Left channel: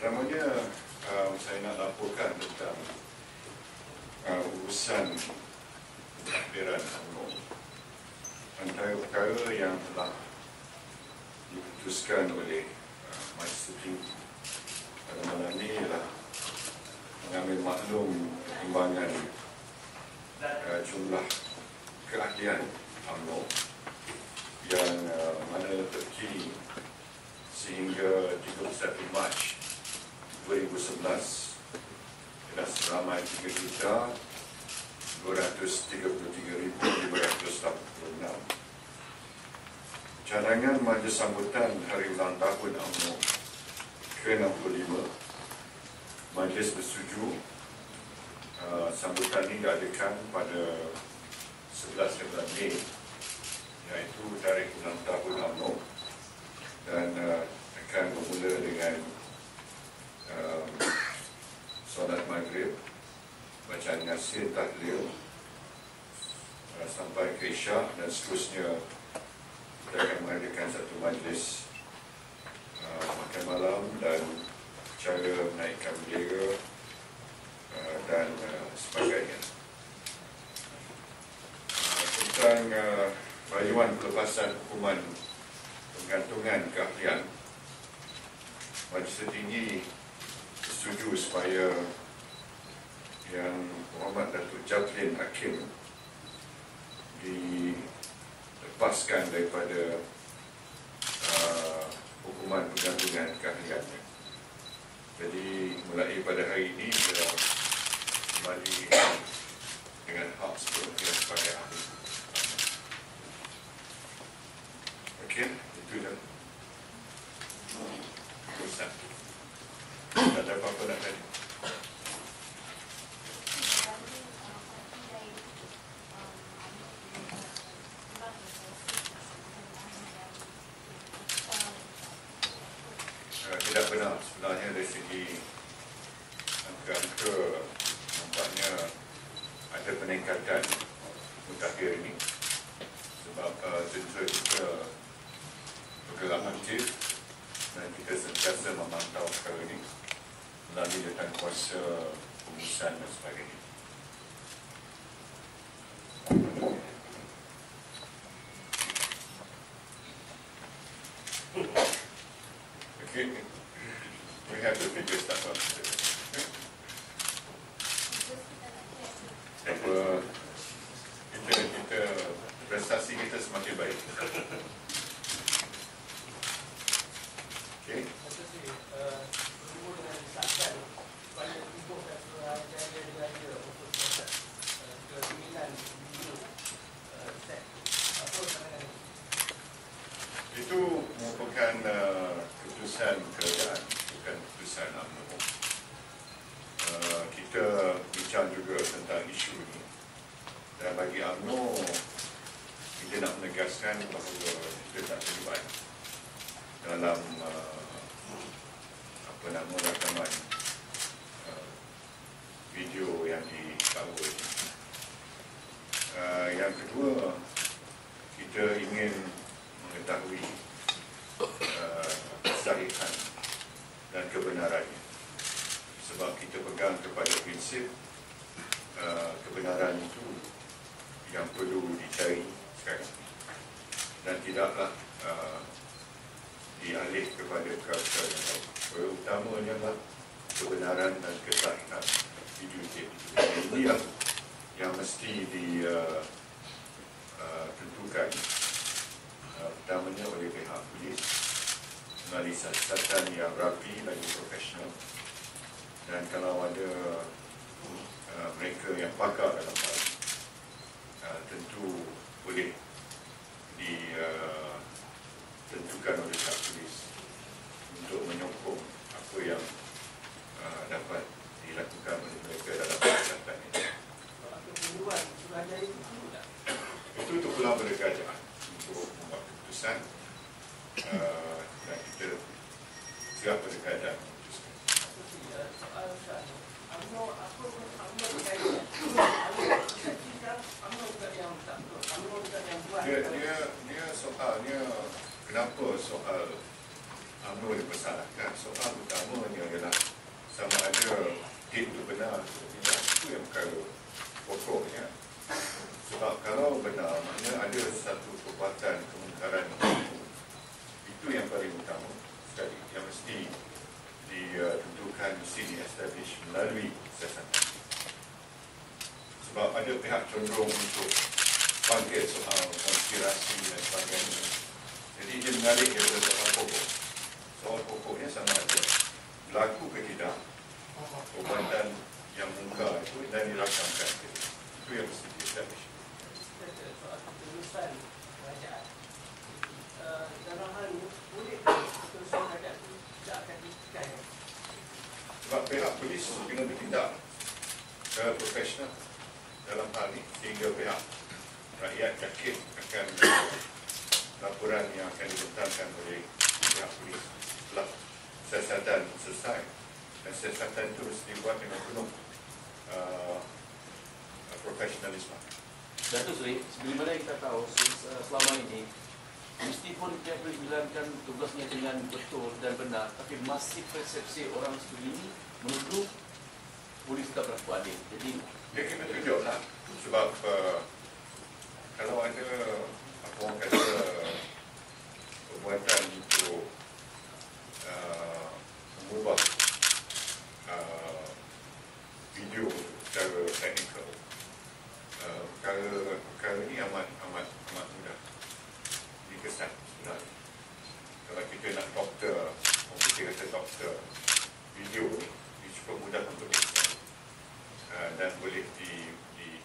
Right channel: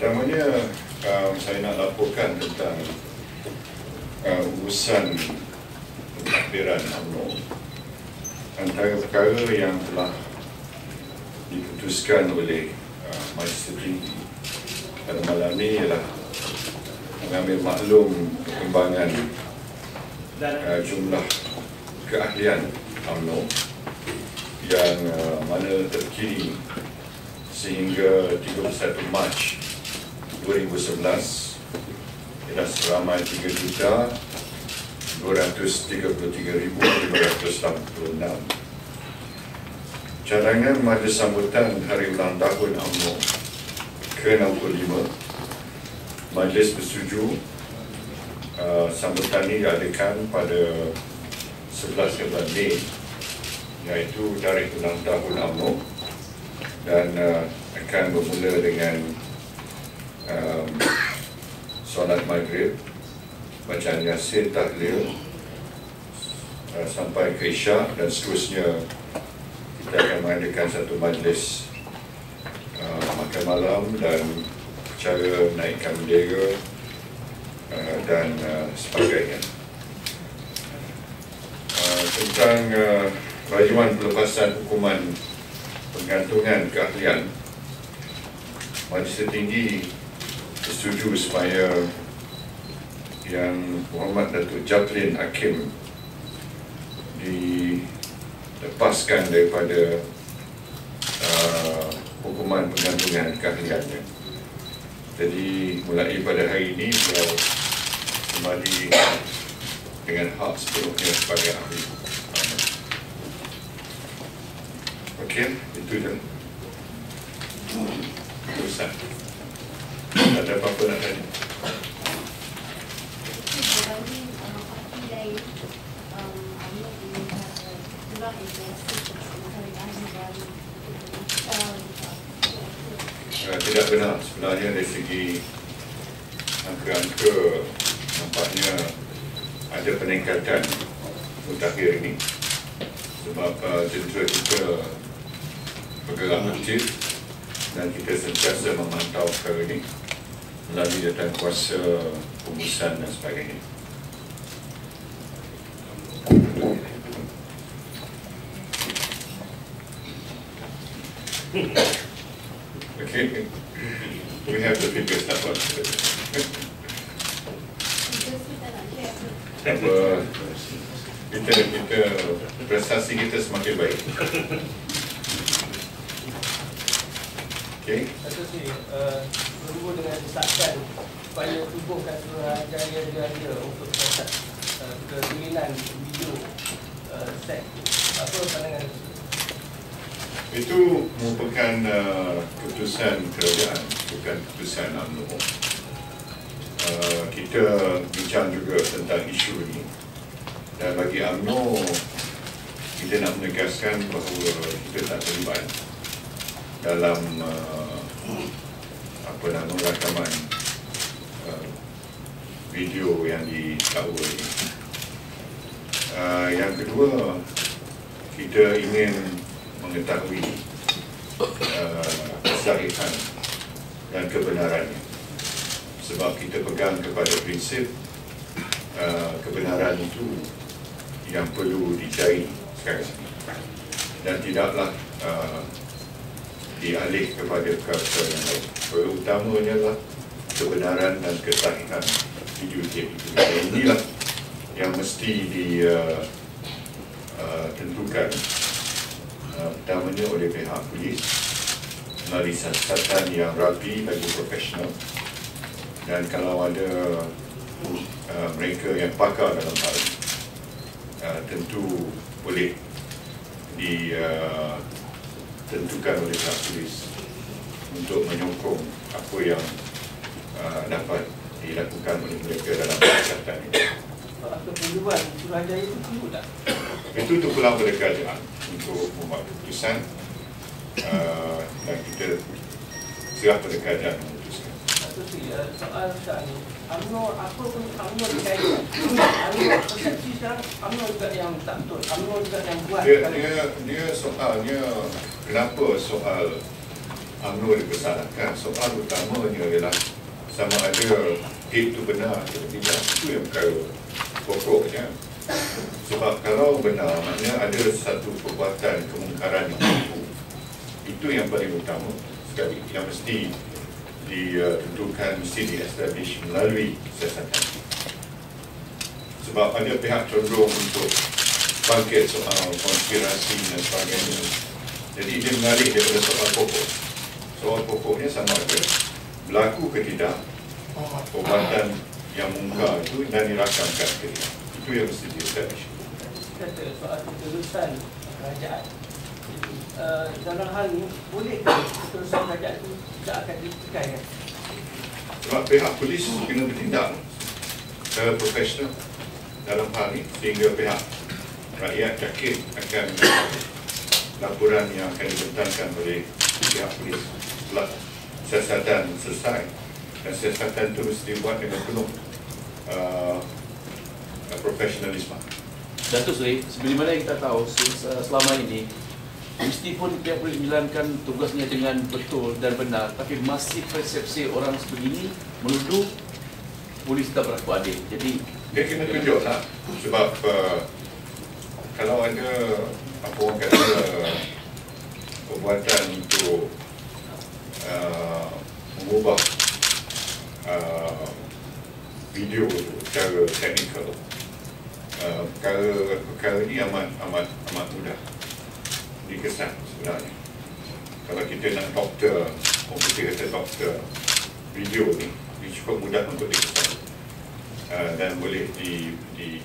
Pertamanya um, saya nak laporkan tentang uh, urusan pentadbiran UMNO. Antara perkara yang telah diputuskan oleh uh, Majlis Tertinggi pada malam ini ialah mengambil maklum perkembangan uh, jumlah keahlian UMNO yang uh, mana terkini sehingga 31 Mac 2011 ialah seramai 3 juta 233,586 cadangan majlis sambutan hari ulang tahun UMNO ke-65 majlis bersetuju uh, sambutan ini diadakan pada 11 Mei iaitu tarikh ulang tahun UMNO dan uh, akan bermula dengan um, solat maghrib bacaan yasin tahlil uh, sampai ke isyak dan seterusnya. Kita akan mengadakan satu majlis uh, makan malam dan cara menaikkan bendera uh, dan uh, sebagainya. Uh, tentang uh, rajuan pelepasan hukuman penggantungan keahlian Majlis Tertinggi bersetuju supaya yang Muhammad Datuk Japlin Hakim dilepaskan daripada uh, hukuman penggantungan keahliannya. Jadi mulai pada hari ini beliau kembali dengan hak sepenuhnya sebagai ahli. Okey, itu je. Ustaz. Ada apa-apa nak tanya? Uh, tidak benar. Sebenarnya dari segi angka-angka nampaknya ada peningkatan mutakhir ini. Sebab uh, jentera kita bergerak aktif dan kita sentiasa memantau perkara ini melalui datang kuasa pengurusan dan sebagainya. Okay, we have the figures that. Apa, kita kita prestasi kita semakin baik. Satu uh, berhubung dengan desakan supaya Suruhanjaya untuk uh, video uh, set. Apa pandangan itu? Itu merupakan uh, keputusan kerajaan, bukan keputusan UMNO. Uh, kita bincang juga tentang isu ini. Dan bagi UMNO, kita nak menegaskan bahawa kita tak terlibat dalam uh, apa nama rakaman uh, video yang dikawal ini. Uh, yang kedua, kita ingin mengetahui uh, kesahihan dan kebenarannya. Sebab kita pegang kepada prinsip uh, kebenaran itu yang perlu dicari sekarang dan tidaklah uh, dialih kepada perkara yang lain. Terutamanya lah kebenaran dan kesahihan video tape inilah yang mesti ditentukan uh, pertamanya oleh pihak polis melalui siasatan yang rapi bagi profesional dan kalau ada uh, mereka yang pakar dalam hal uh, tentu boleh ditentukan oleh pihak polis untuk menyokong apa yang uh, dapat dilakukan oleh mereka dalam siasatan ini. Itu perlu tak? Itu untuk pulang pada kerajaan untuk membuat keputusan uh, dan kita serah pada kerajaan memutuskan. Satu si, soal sekarang ni UMNO, apa pun UMNO dikaitkan UMNO, persepsi sekarang UMNO juga yang tak betul UMNO juga yang buat Dia, dia, dia soalnya kenapa soal UMNO dipersalahkan? Soal utamanya ialah sama ada tip itu benar atau tidak? Itu yang perkara pokoknya. Sebab kalau benar maknanya ada satu perbuatan kemungkaran yang berlaku itu yang paling utama sekali. Yang mesti ditentukan mesti di-establish melalui siasatan. Sebab ada pihak cenderung untuk bangkit soal konspirasi dan sebagainya jadi dia mengalih daripada soal pokok. Soal pokoknya sama ada berlaku ke tidak perbuatan yang mungkar itu dan dirakamkan ke tidak. Itu yang mesti di-establish. Kata soal keputusan kerajaan. Uh, dalam hal ini boleh ke keputusan kerajaan itu tidak akan ditikaikan sebab pihak polis kena bertindak secara profesional dalam hal ini sehingga pihak rakyat yakin akan laporan yang akan dibentangkan oleh pihak polis setelah siasatan selesai dan siasatan itu mesti dibuat dengan penuh uh, profesionalisme. Datuk Seri, sebagaimana kita tahu se- selama ini meskipun pihak polis menjalankan tugasnya dengan betul dan benar tapi masih persepsi orang sebegini menuduh polis tak berlaku adil. Jadi Dia kena tunjuk lah sebab uh, kalau ada apa orang kata perbuatan untuk uh, mengubah uh, video tu secara teknikal uh, perkara perkara ni amat amat amat mudah dikesan sebenarnya. Kalau kita nak doktor orang kita kata doktor video ni dia cukup mudah untuk dikesan uh, dan boleh di, di